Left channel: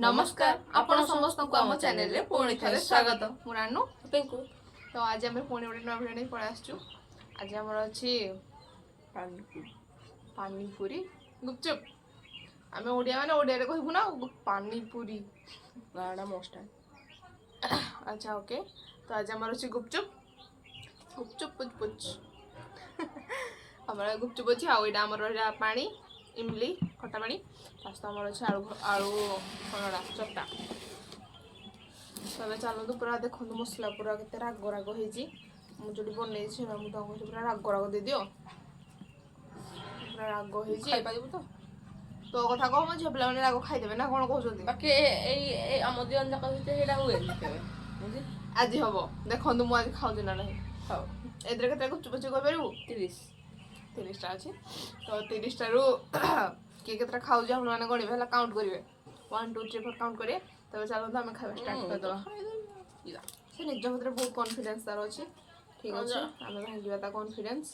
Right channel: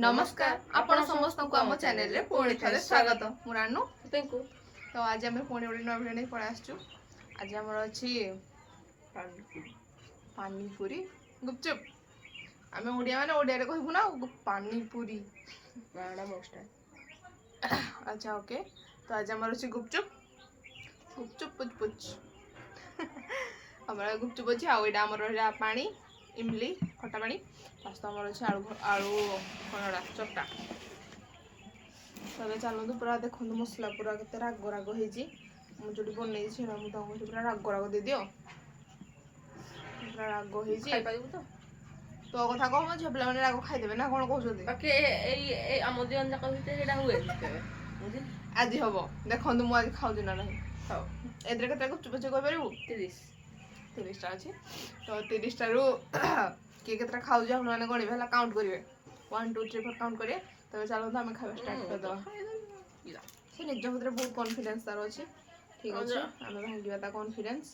नमस्कार आपण समस्तଙ୍କୁ ଆମ ଚ୍ୟାନେଲରେ ପୁଣି ଥରେ ସ୍ୱାଗତ। ମୁଁ ରାନୁ ପିଙ୍କୁ ତ ଆଜି ଆମେ ପୁଣି ଗୋଟେ ନୂଆ ଭିଡ଼ିଓ ନେଇ ପଳେଇ ଆସିଛୁ। ଆଜି ଆମର ଅଛି ପାନିପୁରୀ ଗୁପଚୁପ। ଆମେ ଓଡ଼ିଆ ମାନେ ଓଡ଼ିଆରେ କହିବୁ ନା ପାନିପୁରୀ ଗାଁଟା ମୋଷ୍ଟ ଆଚ୍ଛା ଓକେ। ତ ଆଜି ଆମର ଅଛି ଗୁପଚୁପ ଗୁପଚୁପ ପୁଚ ପୁଚ ଆମର ଗୁପଚୁପ ଅଛି। ଆଉ ଏଇଟା ଆମର ରହିଲା ପାଣି ଇମଲି ଖଟା ପାଣି। ଫାଷ୍ଟ ଆମର ଅଛି ଆଳୁ କଣଟା ଚକଟା। ତ ଏବେ ଚାଲନ୍ତୁ ପୁରା ଦେଖନ୍ତୁ ମସଲା ପୁରା କେତେ ରାଗ ରାଗ ହେଇଛି। ମୁଁ ଯୋଉଠି ବନେଇଛି ସେଇଟା ମୁଁ ତାଙ୍କୁ କହୁଛି ପୁରା ରାଗ ରାଗ ଦେଇଦିଅ। ପୁରା ରାଗ ହେଇଛି। ଖାଇପାରିବୁ ତ? ତୋ କଥା କହ, ମୋ ଝିଅ ପିଲାମାନେ ରାଗ ଖାଇଦେବେ ନା କଣ କହୁଛନ୍ତି? ବାକି ଏଇ ଆମ ଦିଜଣ ଯାକ ଭିତରେ ସେଇଟା ହୁଏନି କେବେ ବୁଝିଲି। ଆଜି ହବ ଦେଖନ୍ତୁ ମୁଁ ଆଜି ଖାଉଛି ନା ନାହିଁ। ହଉ ଏଥିରେ କେତେ ଗୁପଚୁପ ଅଛି କହିପାରିବୁ? 30ଟା ଅଛି। ତ 30ଟାରୁ କିଏ କେତେଟା ଖାଉଛି ଆପଣମାନେ ଗଣିବେ ହେଲା, କାଉଣ୍ଟ କରିବେ। 1 2 3 4 କାଉଣ୍ଟ କରିବେ। ତେବେ ଚାଲନ୍ତୁ ଆମେ ଖାଇବା ଷ୍ଟାର୍ଟ କରିଦେବା। ସେ ନିଜ ଭିତରେ ବହୁତ କନଫିଡେନ୍ସ ତାର ଅଛି। ଠିକ୍ ଅଛି, ଆମେ ଭାଙ୍ଗିବା ତା କନଫିଡେନ୍ସ।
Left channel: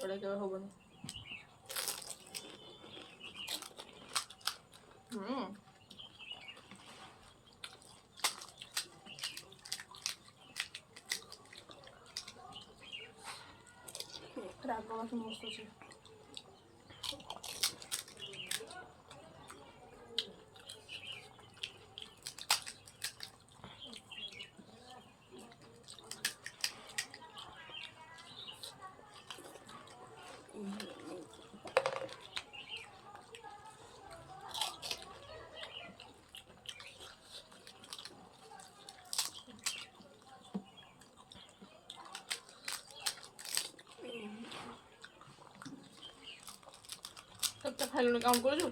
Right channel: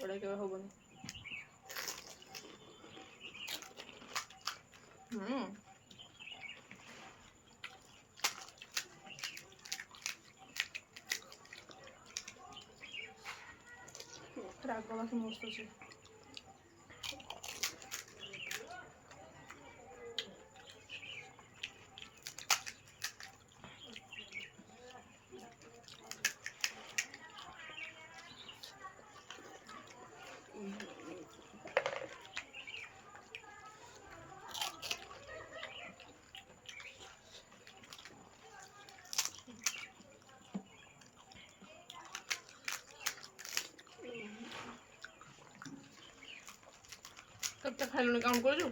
ଏଇଟା କେବେ ହବନି। ରାଗ ବାକି ମସ୍ତ ଅଛି। କେତେ ଖାଇଲୁଣି କାଉଣ୍ଟ କରୁଛୁ?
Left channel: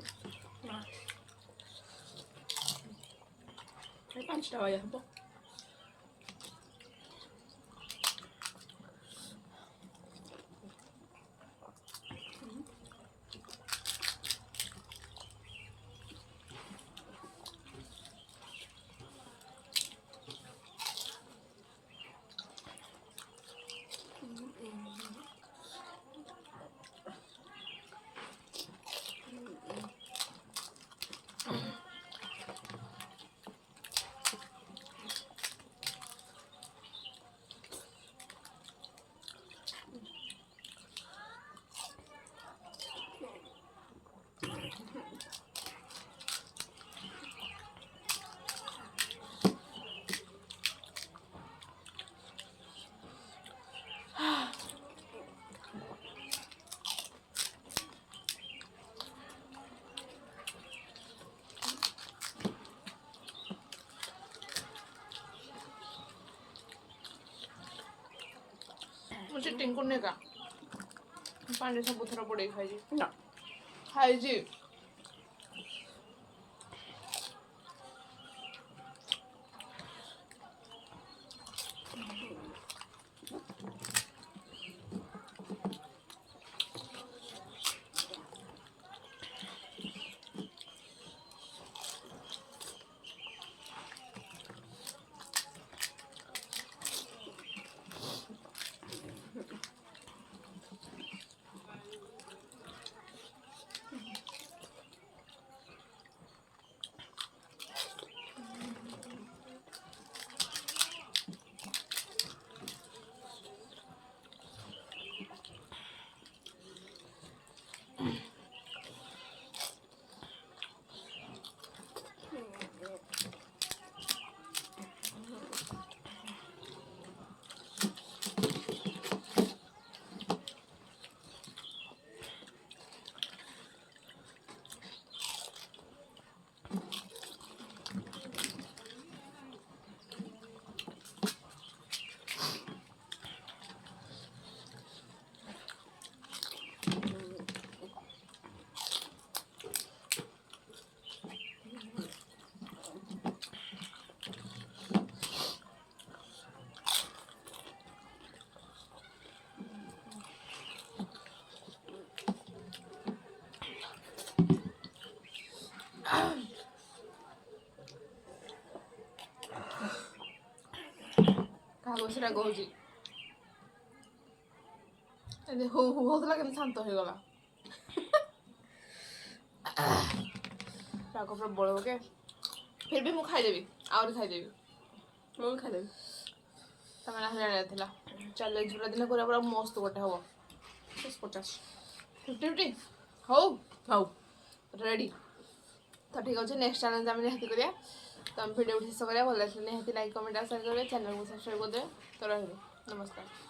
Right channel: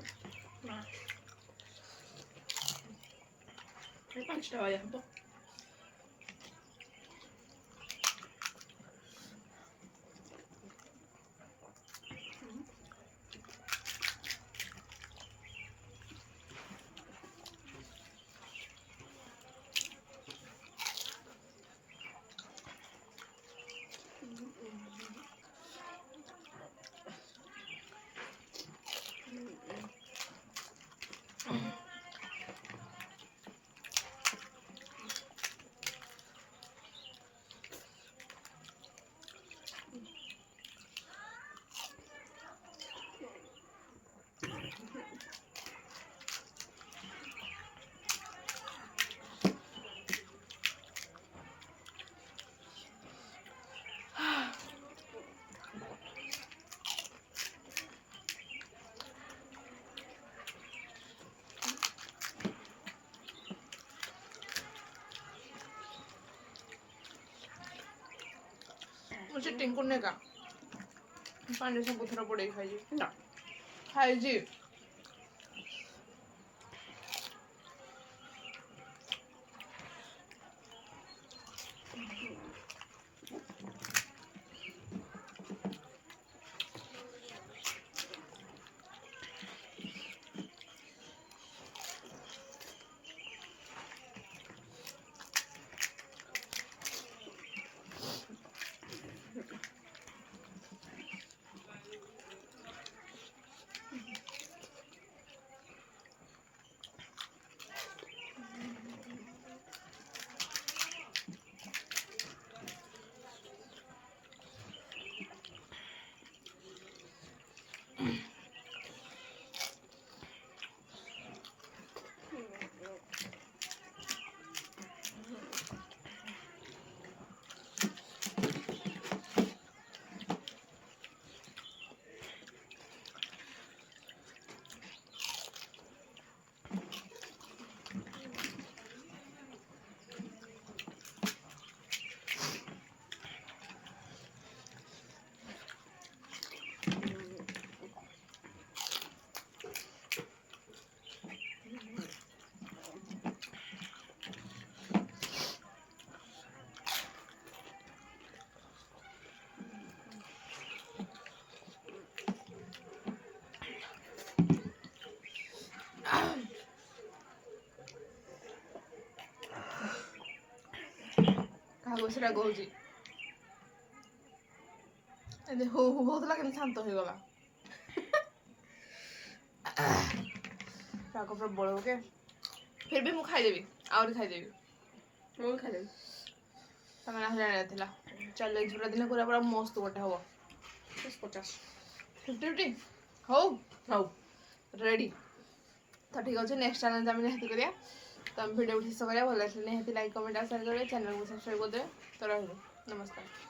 ନା 5ଟା ଭଳିଆ ହବ। ମୁଁ ଚିଟିଂ କରୁନି ଏକା, ପାଣିରେ ସବୁଥର ବୁଡ଼େଇ ଖାଇଛି। ନା ଖାଇଛି। କାହାକୁ ସେଟା କହୁଛି ଏମିତି ହୁ ହୁ ହଉଥିଲା, କେମିତି ଶାନ୍ତ ହେଇଗଲା। ରାଗ ପ୍ରବଳ ଓକେ। फिर भी ମୁଁ ଖାଇଦେବି ଆହୁରି ଖାଇଦେବି ମୁଁ ବି ଖାଇଦେବି। ସେମାନେ ଆହୁରି ଆଣିବାର ଥିଲା ଚ୍ୟାଲେଞ୍ଜ ପୁରା ଦିନେ କରିବା ପୁରା ମସ୍ତ ଗୋଟେ ହବ 50 50 ହଉ ହଉ ରେଡ଼ି ତ ଠିକ୍ ଅଛି ନେକ୍ସଟ ଚ୍ୟାଲେଞ୍ଜ ଆମେ ନିହାତି କରିବା ତ ଆମେ ଭିଡ଼ିଓକୁ ଶେଷ କରିବା ଭଲ ଲାଗିଲେ ନିହାତି ଲାଇକ୍ କମେଣ୍ଟ ଆଉ ସେୟାର କରିବେ ଚ୍ୟାନେଲକୁ ସବସ୍କ୍ରାଇବ୍ କରିଦେବେ ତ ରହିଲୁ ନମସ୍କାର।